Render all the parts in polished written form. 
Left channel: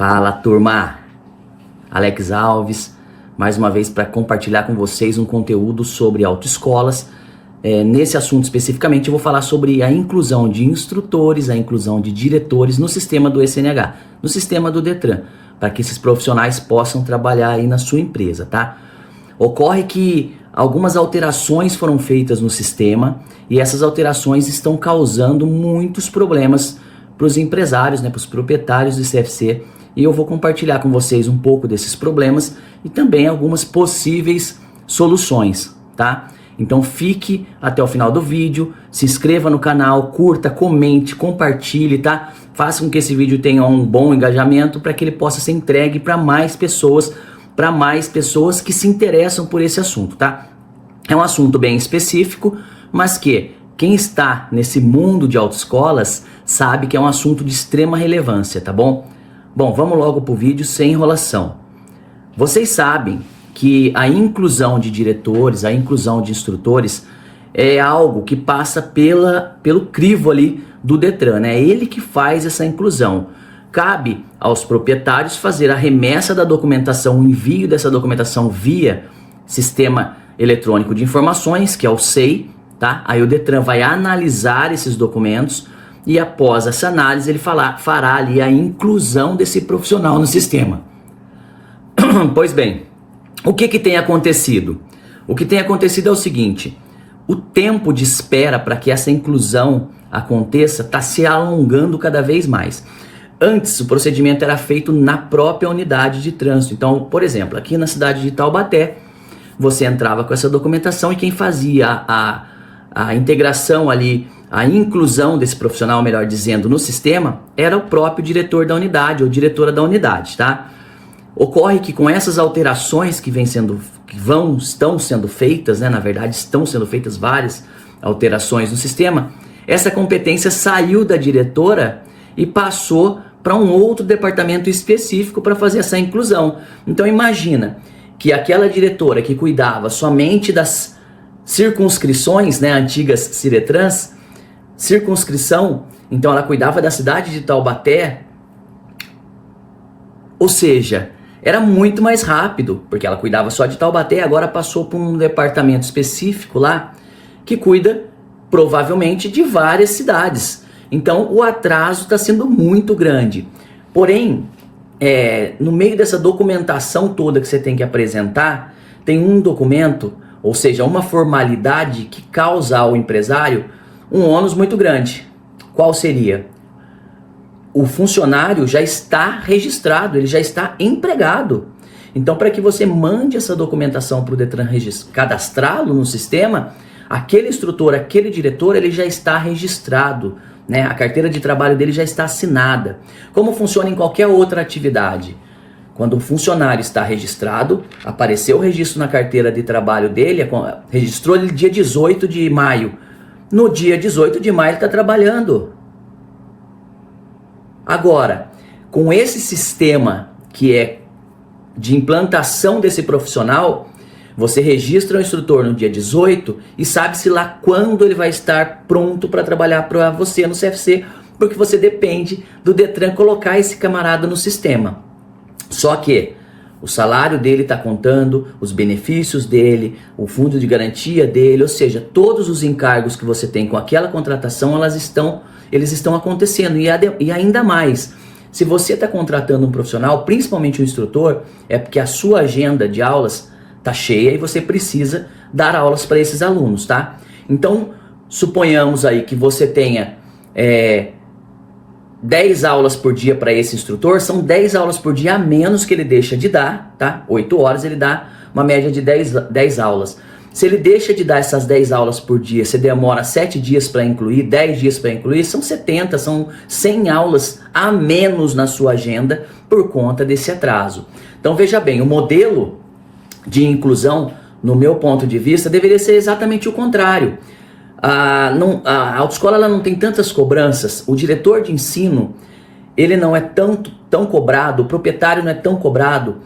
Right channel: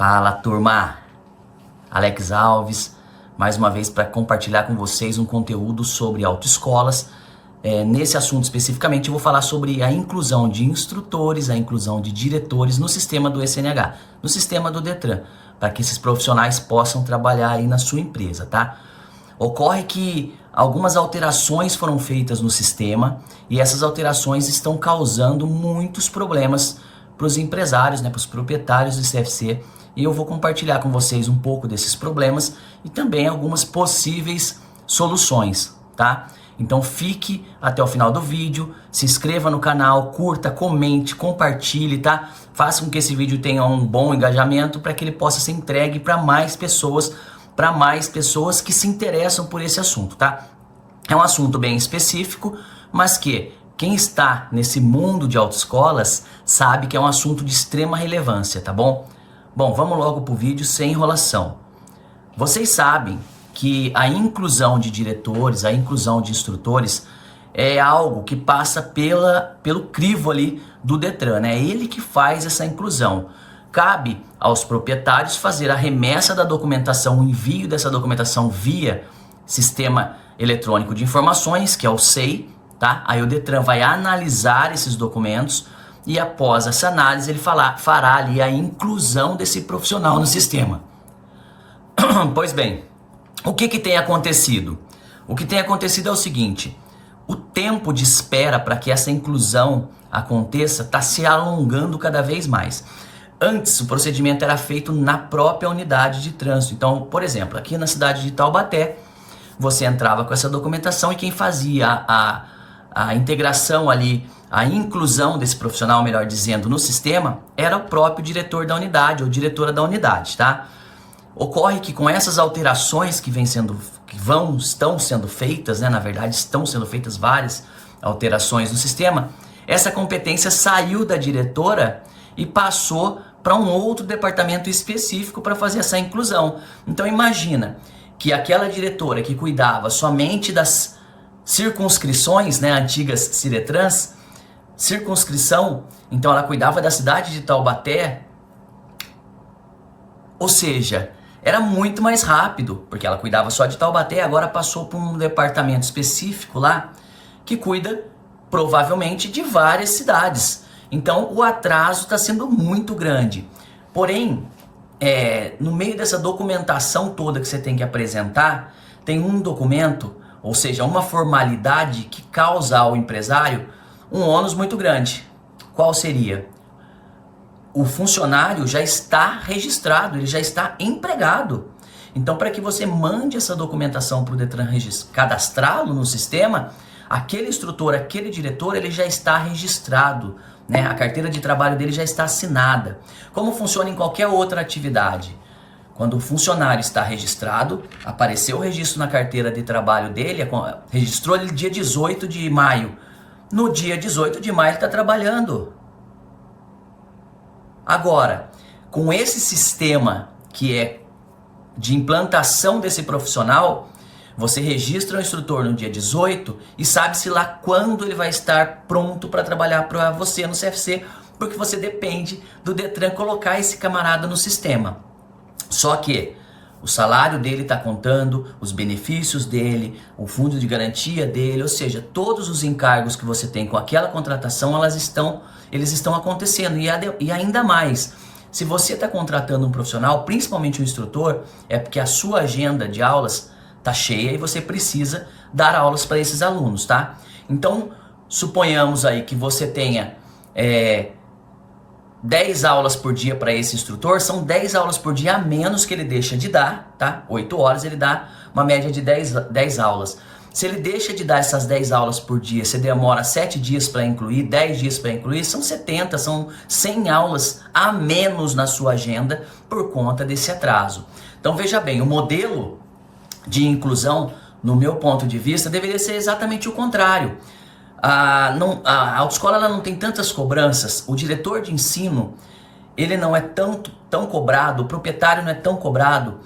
Fala, turma! Alex Alves, mais uma vez para compartilhar com vocês um conteúdo sobre autoescolas. Nesse assunto especificamente eu vou falar sobre a inclusão de instrutores, a inclusão de diretores no sistema do SNH, no sistema do Detran, para que esses profissionais possam trabalhar aí na sua empresa, tá? Ocorre que algumas alterações foram feitas no sistema e essas alterações estão causando muitos problemas para os empresários, para os proprietários do CFC, e eu vou compartilhar com vocês um pouco desses problemas e também algumas possíveis soluções, tá? Então fique até o final do vídeo, se inscreva no canal, curta, comente, compartilhe, tá? Faça com que esse vídeo tenha um bom engajamento para que ele possa ser entregue para mais pessoas que se interessam por esse assunto, tá? É um assunto bem específico, mas que quem está nesse mundo de autoescolas sabe que é um assunto de extrema relevância, tá bom? Bom, vamos logo pro vídeo sem enrolação. Vocês sabem que a inclusão de diretores, a inclusão de instrutores é algo que passa pelo crivo ali do Detran, né? É ele que faz essa inclusão. Cabe aos proprietários fazer a remessa da documentação, o envio dessa documentação via Sistema Eletrônico de Informações, que é o SEI, tá? Aí o Detran vai analisar esses documentos e após essa análise ele fará ali a inclusão desse profissional no sistema. Pois bem, o que tem acontecido? O que tem acontecido é o seguinte: o tempo de espera para que essa inclusão aconteça está se alongando cada vez mais. Antes, o procedimento era feito na própria unidade de trânsito. Então, por exemplo, aqui na cidade de Taubaté, você entrava com essa documentação e quem fazia a integração ali, a inclusão desse profissional, melhor dizendo, no sistema, era o próprio diretor da unidade ou diretora da unidade, tá? Ocorre que com essas alterações que estão sendo feitas, né? Na verdade, estão sendo feitas várias alterações no sistema, essa competência saiu da diretora e passou para um outro departamento específico para fazer essa inclusão. Então imagina que aquela diretora que cuidava somente das circunscrições, né, antigas Ciretrans, circunscrição, então ela cuidava da cidade de Taubaté, ou seja, era muito mais rápido, porque ela cuidava só de Taubaté, agora passou para um departamento específico lá, que cuida provavelmente de várias cidades. Então o atraso está sendo muito grande. Porém, no meio dessa documentação toda que você tem que apresentar, tem um documento, ou seja, uma formalidade que causa ao empresário um ônus muito grande. Qual seria? O funcionário já está registrado, ele já está empregado. Então, para que você mande essa documentação para o Detran cadastrá-lo no sistema, aquele instrutor, aquele diretor, ele já está registrado, né? A carteira de trabalho dele já está assinada. Como funciona em qualquer outra atividade? Quando o funcionário está registrado, apareceu o registro na carteira de trabalho dele, registrou ele dia 18 de maio. No dia 18 de maio ele está trabalhando. Agora, com esse sistema que é de implantação desse profissional, você registra o instrutor no dia 18 e sabe-se lá quando ele vai estar pronto para trabalhar para você no CFC, porque você depende do Detran colocar esse camarada no sistema. Só que o salário dele está contando, os benefícios dele, o fundo de garantia dele, ou seja, todos os encargos que você tem com aquela contratação, eles estão acontecendo. E ainda mais, se você está contratando um profissional, principalmente um instrutor, é porque a sua agenda de aulas está cheia e você precisa dar aulas para esses alunos, tá? Então, suponhamos aí que você tenha 10 aulas por dia para esse instrutor, são 10 aulas por dia a menos que ele deixa de dar, tá? 8 horas ele dá uma média de 10 aulas. Se ele deixa de dar essas 10 aulas por dia, você demora 7 dias para incluir, 10 dias para incluir, são 70, são 100 aulas a menos na sua agenda por conta desse atraso. Então veja bem, o modelo de inclusão, no meu ponto de vista, deveria ser exatamente o contrário. A autoescola ela não tem tantas cobranças, o diretor de ensino ele não é tão cobrado, o proprietário não é tão cobrado.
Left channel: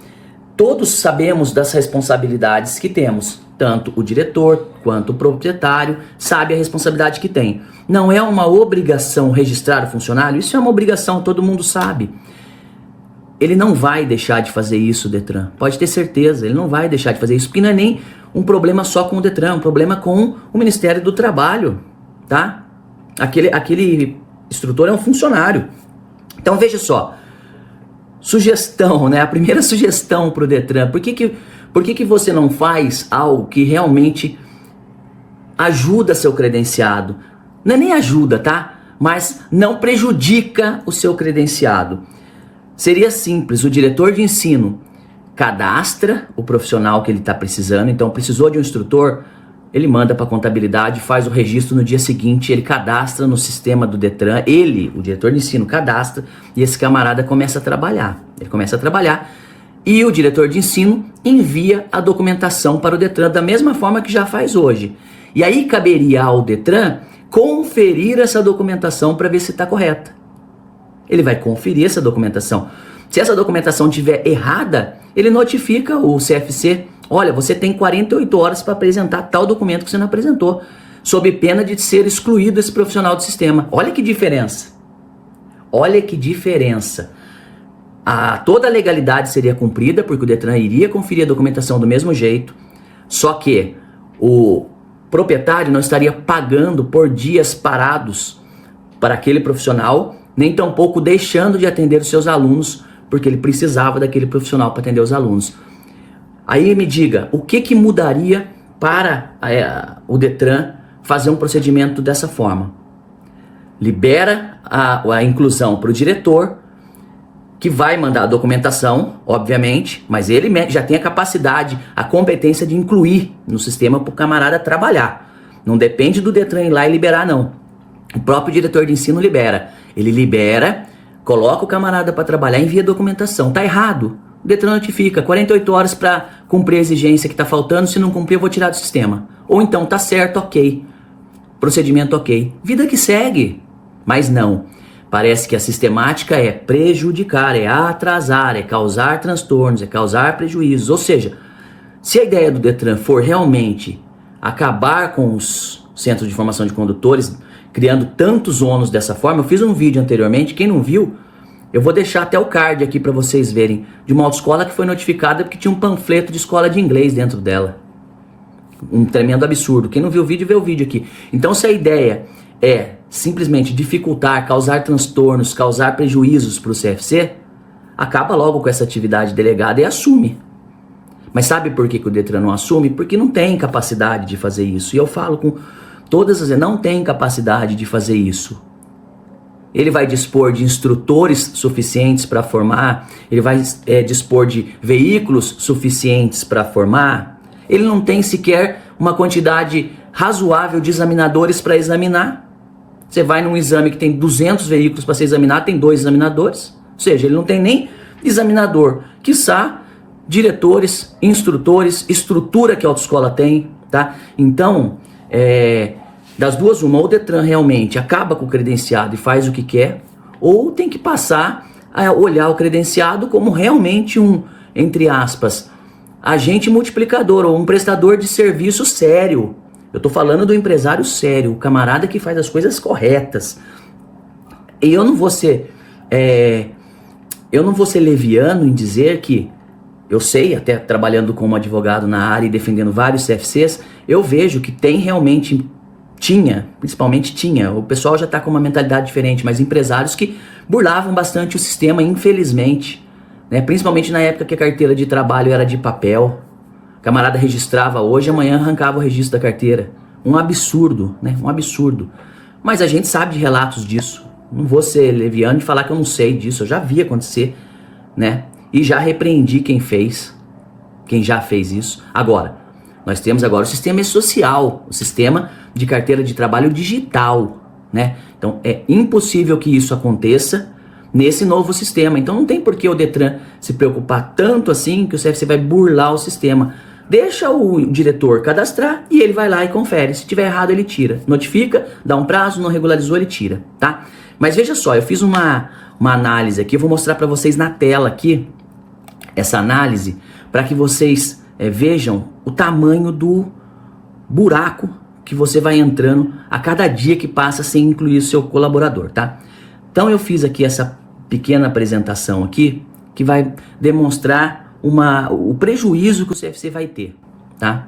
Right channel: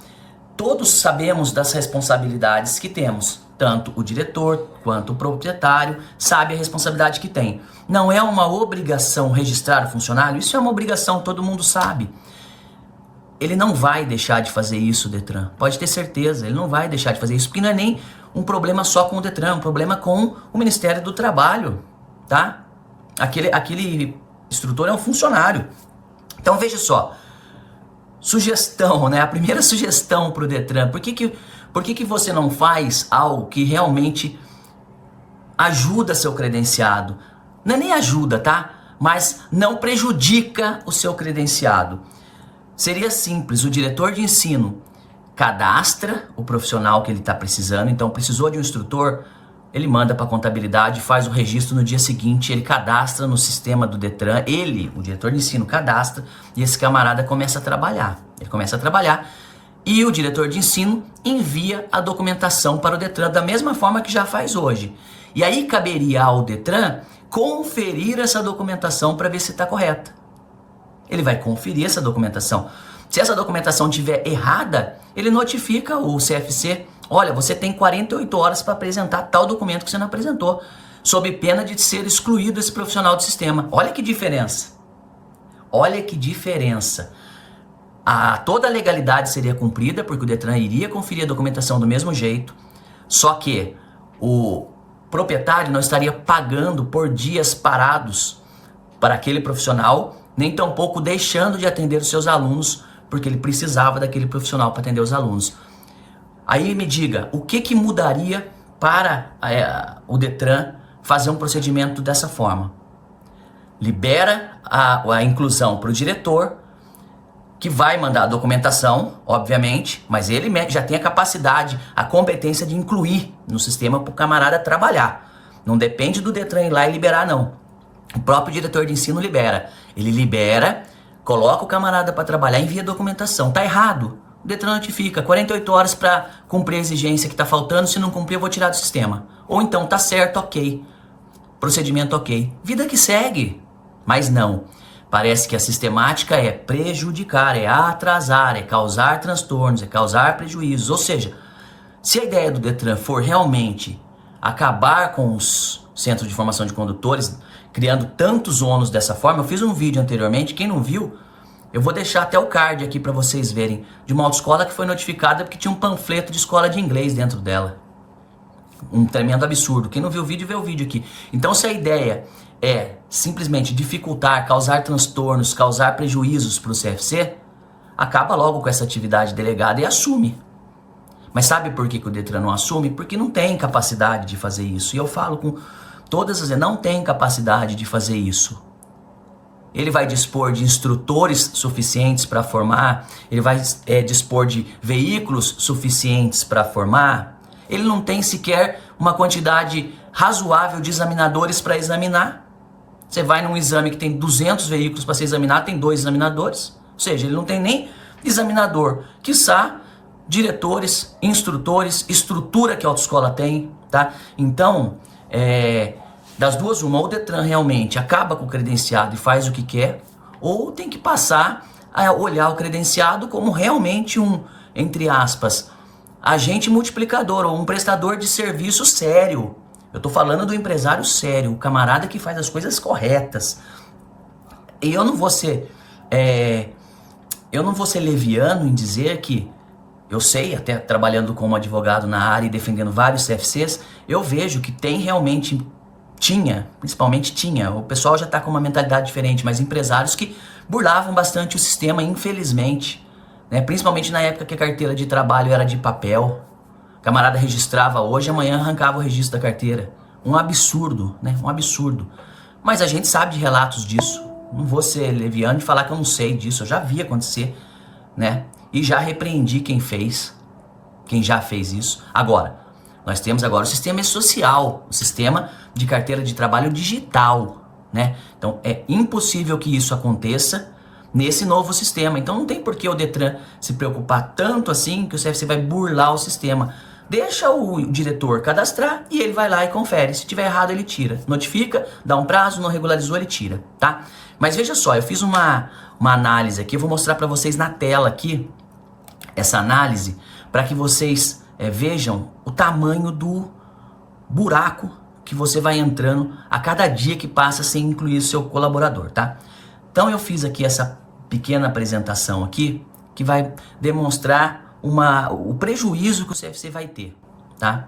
Todos sabemos das responsabilidades que temos, tanto o diretor quanto o proprietário sabe a responsabilidade que tem. Não é uma obrigação registrar o funcionário, isso é uma obrigação, todo mundo sabe. ele não vai deixar de fazer isso, o Detran. Pode ter certeza, ele não vai deixar de fazer isso, porque não é nem um problema só com o Detran, é um problema com o Ministério do Trabalho, tá? Aquele instrutor é um funcionário. Então veja só, sugestão, né? A primeira sugestão para o Detran, por que você não faz algo que realmente ajuda seu credenciado? Não é nem ajuda, tá? Mas não prejudica o seu credenciado. Seria simples, o diretor de ensino cadastra o profissional que ele está precisando, então precisou de um instrutor, ele manda para a contabilidade, faz o registro no dia seguinte, ele cadastra no sistema do Detran, ele, o diretor de ensino, cadastra e esse camarada começa a trabalhar. Ele começa a trabalhar e o diretor de ensino envia a documentação para o Detran da mesma forma que já faz hoje. E aí caberia ao Detran conferir essa documentação para ver se está correta. Ele vai conferir essa documentação. Se essa documentação estiver errada, ele notifica o CFC. Olha, você tem 48 horas para apresentar tal documento que você não apresentou, sob pena de ser excluído esse profissional do sistema. Olha que diferença. Olha que diferença. Toda a legalidade seria cumprida, porque o Detran iria conferir a documentação do mesmo jeito, só que o proprietário não estaria pagando por dias parados para aquele profissional, nem tampouco deixando de atender os seus alunos, porque ele precisava daquele profissional para atender os alunos. Aí me diga, o que mudaria para o Detran fazer um procedimento dessa forma? Libera a inclusão para o diretor, que vai mandar a documentação, obviamente, mas ele já tem a capacidade, a competência de incluir no sistema para o camarada trabalhar. Não depende do Detran ir lá e liberar, não. O próprio diretor de ensino libera. Ele libera, coloca o camarada para trabalhar, envia a documentação. Tá errado, o Detran notifica, 48 horas para cumprir a exigência que está faltando, se não cumprir eu vou tirar do sistema. Ou então, tá certo, ok, procedimento ok. Vida que segue, mas não. Parece que a sistemática é prejudicar, é atrasar, é causar transtornos, é causar prejuízos. Ou seja, se a ideia do Detran for realmente acabar com os centros de formação de condutores, criando tantos ônus dessa forma, eu fiz um vídeo anteriormente, quem não viu, eu vou deixar até o card aqui para vocês verem, de uma autoescola que foi notificada porque tinha um panfleto de escola de inglês dentro dela. Um tremendo absurdo. Quem não viu o vídeo, vê o vídeo aqui. Então se a ideia é simplesmente dificultar, causar transtornos, causar prejuízos para o CFC, acaba logo com essa atividade delegada e assume. Mas sabe por que o Detran não assume? Porque não tem capacidade de fazer isso. E eu falo com todas as vezes, não tem capacidade de fazer isso. Ele vai dispor de instrutores suficientes para formar, ele vai dispor de veículos suficientes para formar, ele não tem sequer uma quantidade razoável de examinadores para examinar. Você vai num exame que tem 200 veículos para ser examinado, tem 2 examinadores. Ou seja, ele não tem nem examinador. Quiçá diretores, instrutores, estrutura que a autoescola tem, tá? Então, das duas uma, ou o Detran realmente acaba com o credenciado e faz o que quer, ou tem que passar a olhar o credenciado como realmente um, entre aspas, agente multiplicador ou um prestador de serviço sério. Eu tô falando do empresário sério, o camarada que faz as coisas corretas. E eu não vou ser leviano em dizer que, eu sei, até trabalhando como advogado na área e defendendo vários CFCs, eu vejo que tem realmente, principalmente tinha, o pessoal já tá com uma mentalidade diferente, mas empresários que burlavam bastante o sistema, infelizmente, né? Principalmente na época que a carteira de trabalho era de papel. Camarada registrava hoje, amanhã arrancava o registro da carteira. Um absurdo, né? Um absurdo. Mas a gente sabe de relatos disso. Não vou ser leviano e falar que eu não sei disso. Eu já vi acontecer, né? E já repreendi quem já fez isso. Agora, nós temos agora o sistema social, o sistema de carteira de trabalho digital, né? Então é impossível que isso aconteça nesse novo sistema. Então não tem por que o Detran se preocupar tanto assim que o CFC vai burlar o sistema. Deixa o diretor cadastrar e ele vai lá e confere. Se tiver errado, ele tira. Notifica, dá um prazo, não regularizou, ele tira, tá? Mas veja só, eu fiz uma análise aqui, eu vou mostrar para vocês na tela aqui, essa análise, para que vocês vejam o tamanho do buraco que você vai entrando a cada dia que passa sem incluir o seu colaborador, tá? Então eu fiz aqui essa pequena apresentação aqui, que vai demonstrar o prejuízo que o CFC vai ter, tá?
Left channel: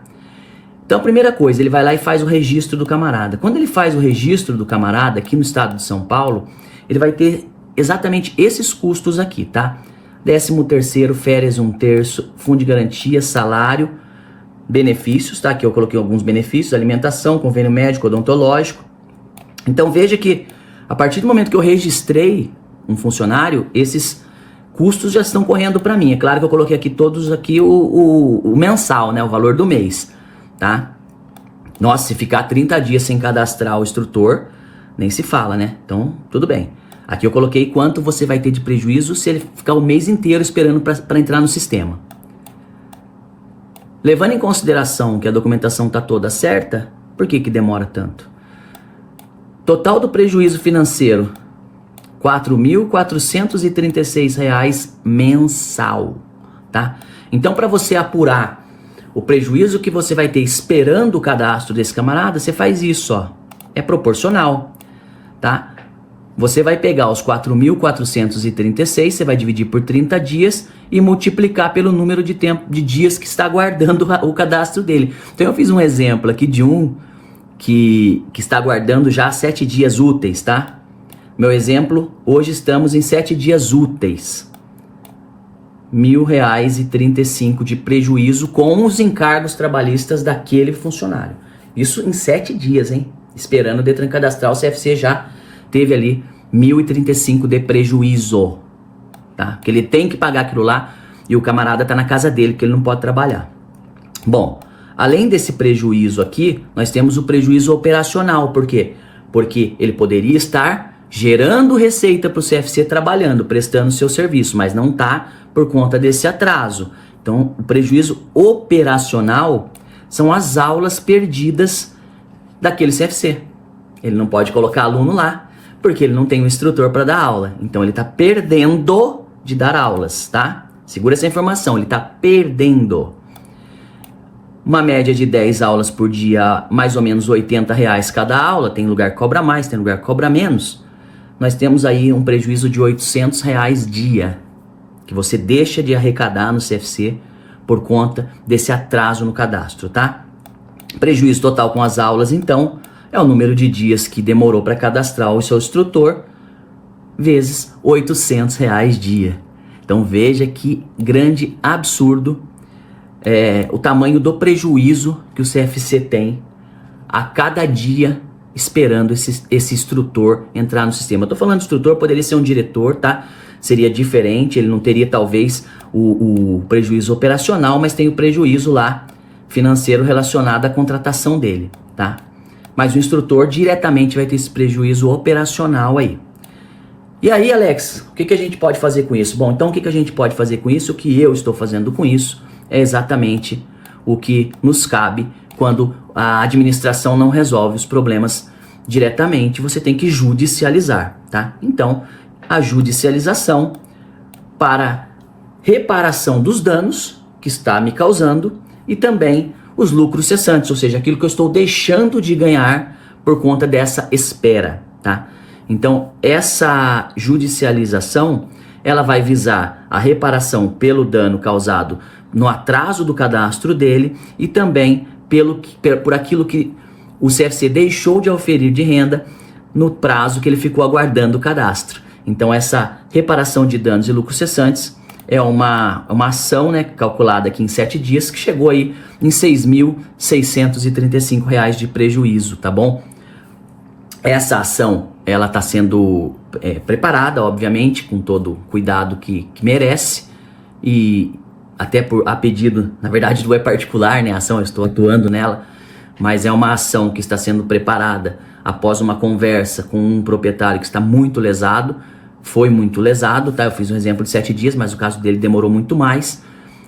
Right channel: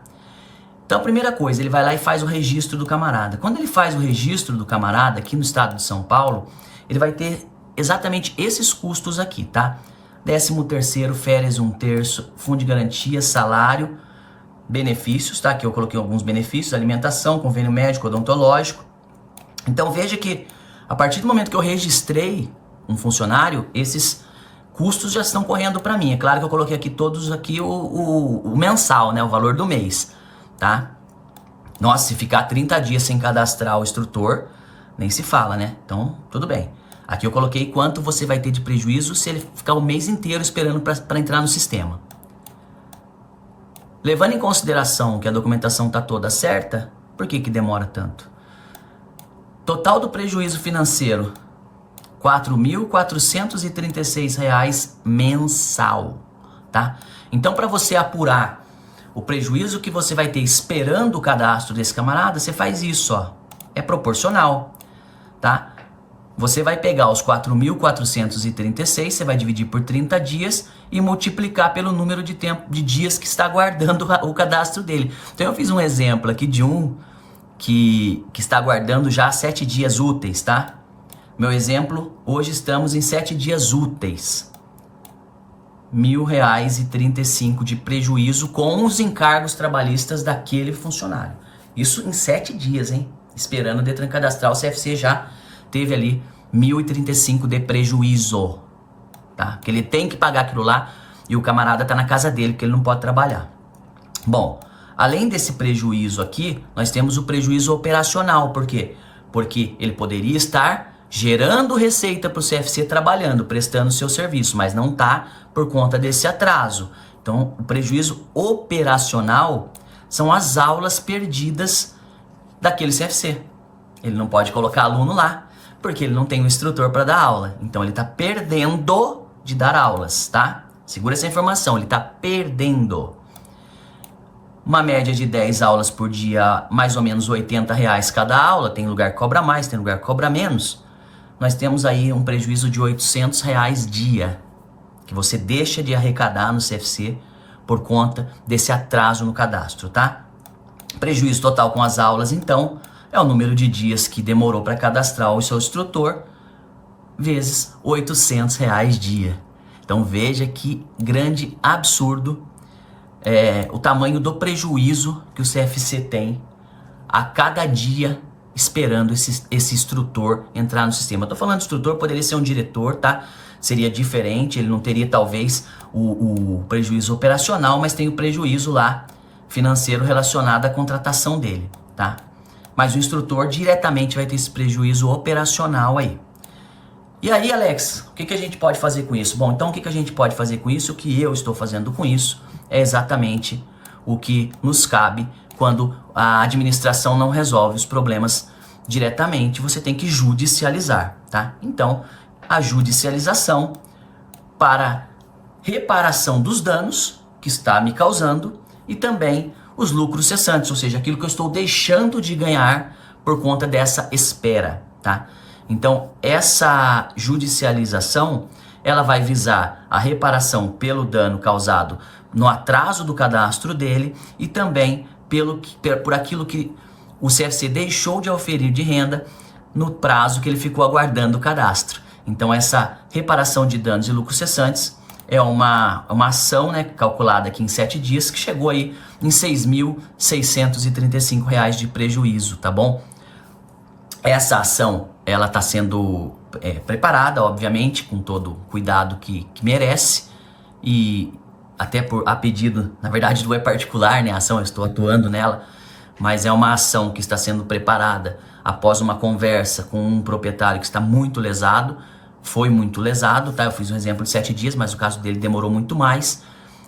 Então, a primeira coisa, ele vai lá e faz o registro do camarada. Quando ele faz o registro do camarada aqui no estado de São Paulo, ele vai ter exatamente esses custos aqui, tá? 13º, férias 1/3, fundo de garantia, salário, benefícios, tá? Aqui eu coloquei alguns benefícios, alimentação, convênio médico, odontológico. Então, veja que a partir do momento que eu registrei um funcionário, esses custos já estão correndo para mim. É claro que eu coloquei aqui todos aqui o mensal, né? O valor do mês, tá? Nossa, se ficar 30 dias sem cadastrar o instrutor, nem se fala, né? Então, tudo bem. Aqui eu coloquei quanto você vai ter de prejuízo se ele ficar o mês inteiro esperando para entrar no sistema. Levando em consideração que a documentação está toda certa, por que demora tanto? Total do prejuízo financeiro, R$ 4.436 mensal, tá? Então, para você apurar o prejuízo que você vai ter esperando o cadastro desse camarada, você faz isso, ó. É proporcional, tá? Você vai pegar os 4.436, você vai dividir por 30 dias e multiplicar pelo número de dias que está aguardando o cadastro dele. Então eu fiz um exemplo aqui de um que está aguardando já 7 dias úteis, tá? Meu exemplo, hoje estamos em 7 dias úteis. R$ 1.035 de prejuízo com os encargos trabalhistas daquele funcionário. Isso em 7 dias, hein? Esperando o Detran cadastrar, o CFC já teve ali 1.035 de prejuízo, tá? Que ele tem que pagar aquilo lá e o camarada tá na casa dele, que ele não pode trabalhar. Bom, além desse prejuízo aqui, nós temos o prejuízo operacional. Por quê? Porque ele poderia estar gerando receita para o CFC trabalhando, prestando seu serviço, mas não tá por conta desse atraso. Então, o prejuízo operacional são as aulas perdidas daquele CFC. Ele não pode colocar aluno lá, porque ele não tem um instrutor para dar aula. Então ele está perdendo de dar aulas, tá? Segura essa informação, ele está perdendo. Uma média de 10 aulas por dia, mais ou menos R$ 80 cada aula. Tem lugar que cobra mais, tem lugar que cobra menos. Nós temos aí um prejuízo de R$ 800 dia, que você deixa de arrecadar no CFC por conta desse atraso no cadastro, tá? Prejuízo total com as aulas, então, é o número de dias que demorou para cadastrar o seu instrutor, vezes R$ 800 dia. Então veja que grande absurdo o tamanho do prejuízo que o CFC tem a cada dia esperando esse instrutor entrar no sistema. Eu tô falando de instrutor, poderia ser um diretor, tá? Seria diferente, ele não teria talvez o prejuízo operacional, mas tem o prejuízo lá financeiro relacionado à contratação dele, tá? Mas o instrutor diretamente vai ter esse prejuízo operacional aí. E aí, Alex, o que a gente pode fazer com isso? Bom, então o que a gente pode fazer com isso? O que eu estou fazendo com isso é exatamente o que nos cabe quando a administração não resolve os problemas diretamente. Você tem que judicializar, tá? Então, a judicialização para reparação dos danos que está me causando e também os lucros cessantes, ou seja, aquilo que eu estou deixando de ganhar por conta dessa espera, tá? Então, essa judicialização, ela vai visar a reparação pelo dano causado no atraso do cadastro dele e também por aquilo que o CFC deixou de oferir de renda no prazo que ele ficou aguardando o cadastro. Então, essa reparação de danos e lucros cessantes é uma ação, né, calculada aqui em 7 dias, que chegou aí em R$ 6.635 de prejuízo, tá bom? Essa ação, ela está sendo preparada, obviamente, com todo o cuidado que merece, e até a pedido, na verdade, do particular, né, a ação, eu estou atuando nela, mas é uma ação que está sendo preparada após uma conversa com um proprietário que está muito lesado, foi muito lesado, tá? Eu fiz um exemplo de 7 dias, mas o caso dele demorou muito mais.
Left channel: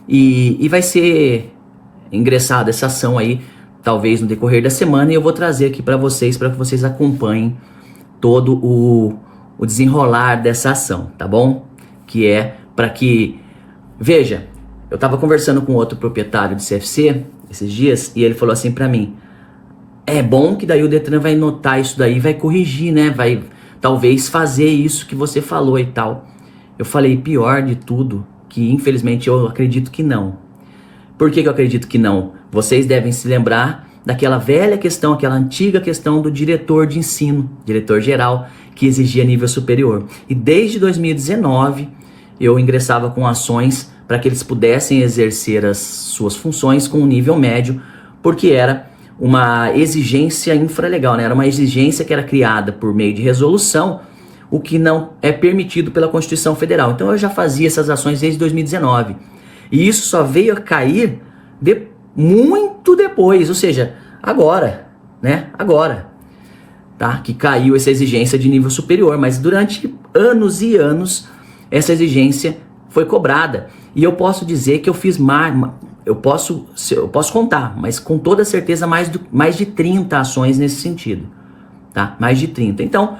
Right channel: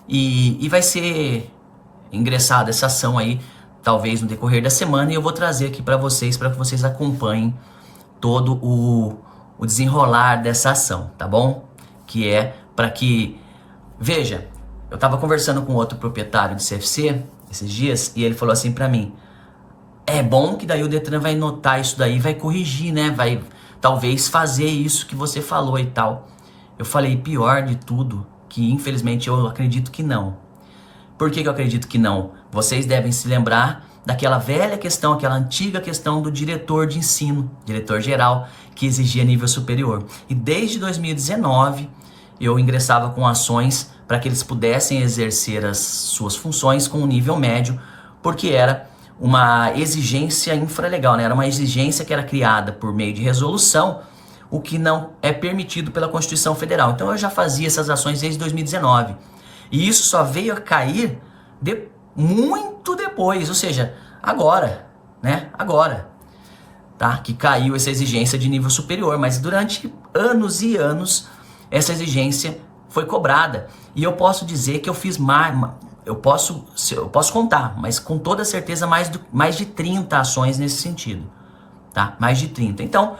E vai ser ingressada essa ação aí, talvez no decorrer da semana, e eu vou trazer aqui para vocês acompanhem todo o desenrolar dessa ação, tá bom? Que é para que... Veja, eu estava conversando com outro proprietário de CFC esses dias, e ele falou assim para mim, é bom que daí o Detran vai notar isso daí, vai corrigir, né? Vai... talvez fazer isso que você falou e tal. Eu falei pior de tudo, que infelizmente eu acredito que não. Por que eu acredito que não? Vocês devem se lembrar daquela velha questão, aquela antiga questão do diretor de ensino, diretor geral, que exigia nível superior. E desde 2019 eu ingressava com ações para que eles pudessem exercer as suas funções com um nível médio, porque era uma exigência infralegal, né? Era uma exigência que era criada por meio de resolução, o que não é permitido pela Constituição Federal. Então eu já fazia essas ações desde 2019. E isso só veio a cair muito depois, ou seja, agora, né? Agora, tá? Que caiu essa exigência de nível superior, mas durante anos e anos essa exigência foi cobrada. E eu posso dizer que eu fiz eu posso contar, mas com toda certeza mais de 30 ações nesse sentido, tá? Mais de 30. Então,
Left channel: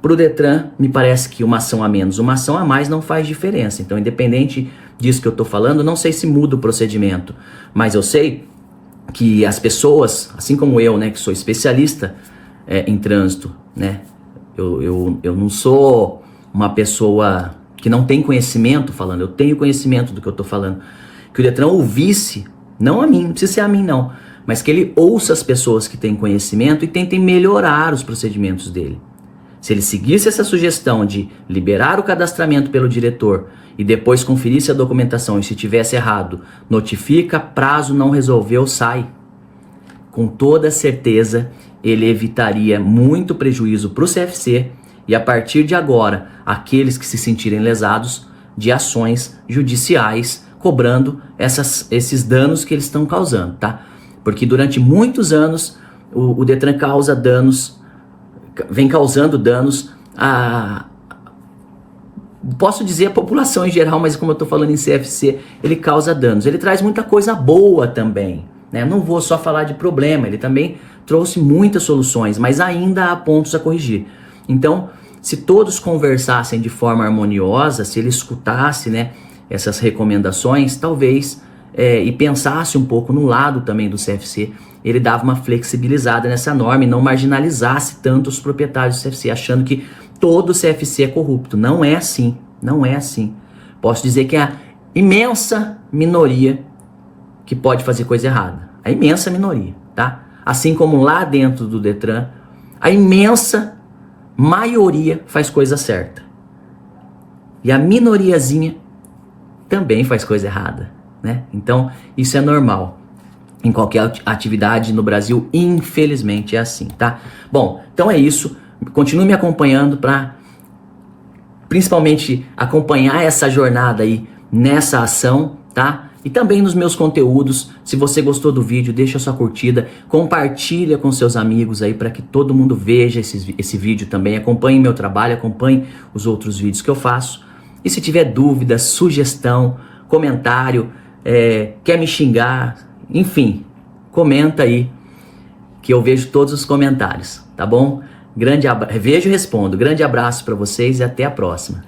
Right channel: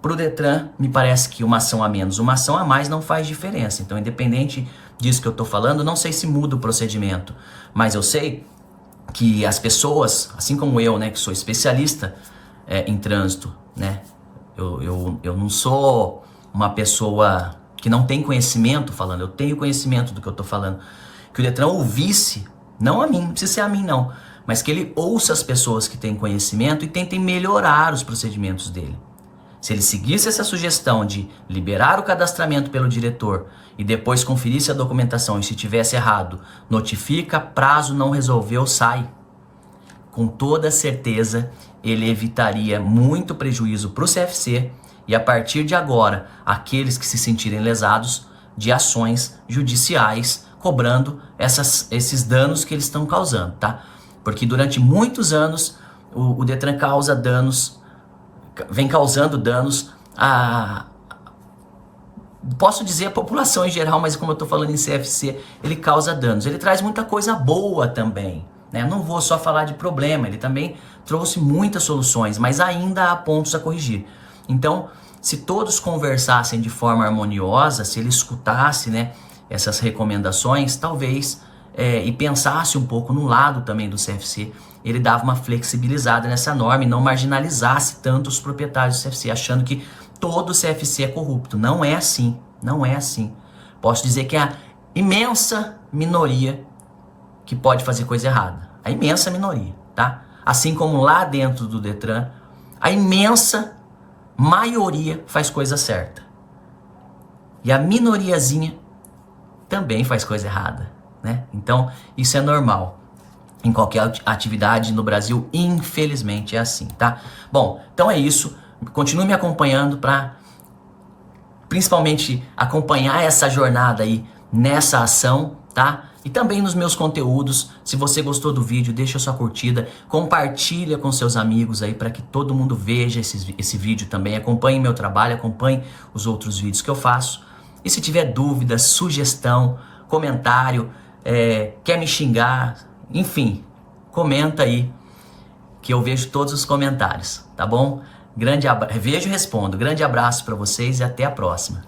para o Detran, me parece que uma ação a menos, uma ação a mais não faz diferença. Então, independente disso que eu estou falando, não sei se muda o procedimento, mas eu sei que as pessoas, assim como eu, né, que sou especialista em trânsito, né, eu não sou uma pessoa que não tem conhecimento falando, eu tenho conhecimento do que eu estou falando, que o Detran ouvisse, não a mim, não precisa ser a mim não, mas que ele ouça as pessoas que têm conhecimento e tentem melhorar os procedimentos dele. Se ele seguisse essa sugestão de liberar o cadastramento pelo diretor e depois conferisse a documentação e se tivesse errado, notifica, prazo não resolveu, sai. Com toda certeza, ele evitaria muito prejuízo para o CFC e a partir de agora, aqueles que se sentirem lesados de ações judiciais cobrando esses danos que eles estão causando, tá? Porque durante muitos anos o Detran causa danos, vem causando danos posso dizer a população em geral, mas como eu estou falando em CFC, ele causa danos. Ele traz muita coisa boa também, né? Não vou só falar de problema, ele também trouxe muitas soluções, mas ainda há pontos a corrigir. Então, se todos conversassem de forma harmoniosa, se ele escutasse, né, essas recomendações, talvez, e pensasse um pouco no lado também do CFC, ele dava uma flexibilizada nessa norma e não marginalizasse tanto os proprietários do CFC, achando que todo CFC é corrupto. Não é assim, não é assim. Posso dizer que é a imensa minoria que pode fazer coisa errada. A imensa minoria, tá? Assim como lá dentro do Detran, a imensa maioria faz coisa certa. E a minoriazinha também faz coisa errada, né? Então, isso é normal. Em qualquer atividade no Brasil, infelizmente é assim, tá? Bom, então é isso. Continue me acompanhando para principalmente acompanhar essa jornada aí nessa ação, tá? E também nos meus conteúdos. Se você gostou do vídeo, deixa a sua curtida, compartilha com seus amigos aí para que todo mundo veja esse vídeo também. Acompanhe meu trabalho, acompanhe os outros vídeos que eu faço. E se tiver dúvida, sugestão, comentário, quer me xingar, enfim, comenta aí que eu vejo todos os comentários, tá bom? Vejo e respondo. Grande abraço para vocês e até a próxima.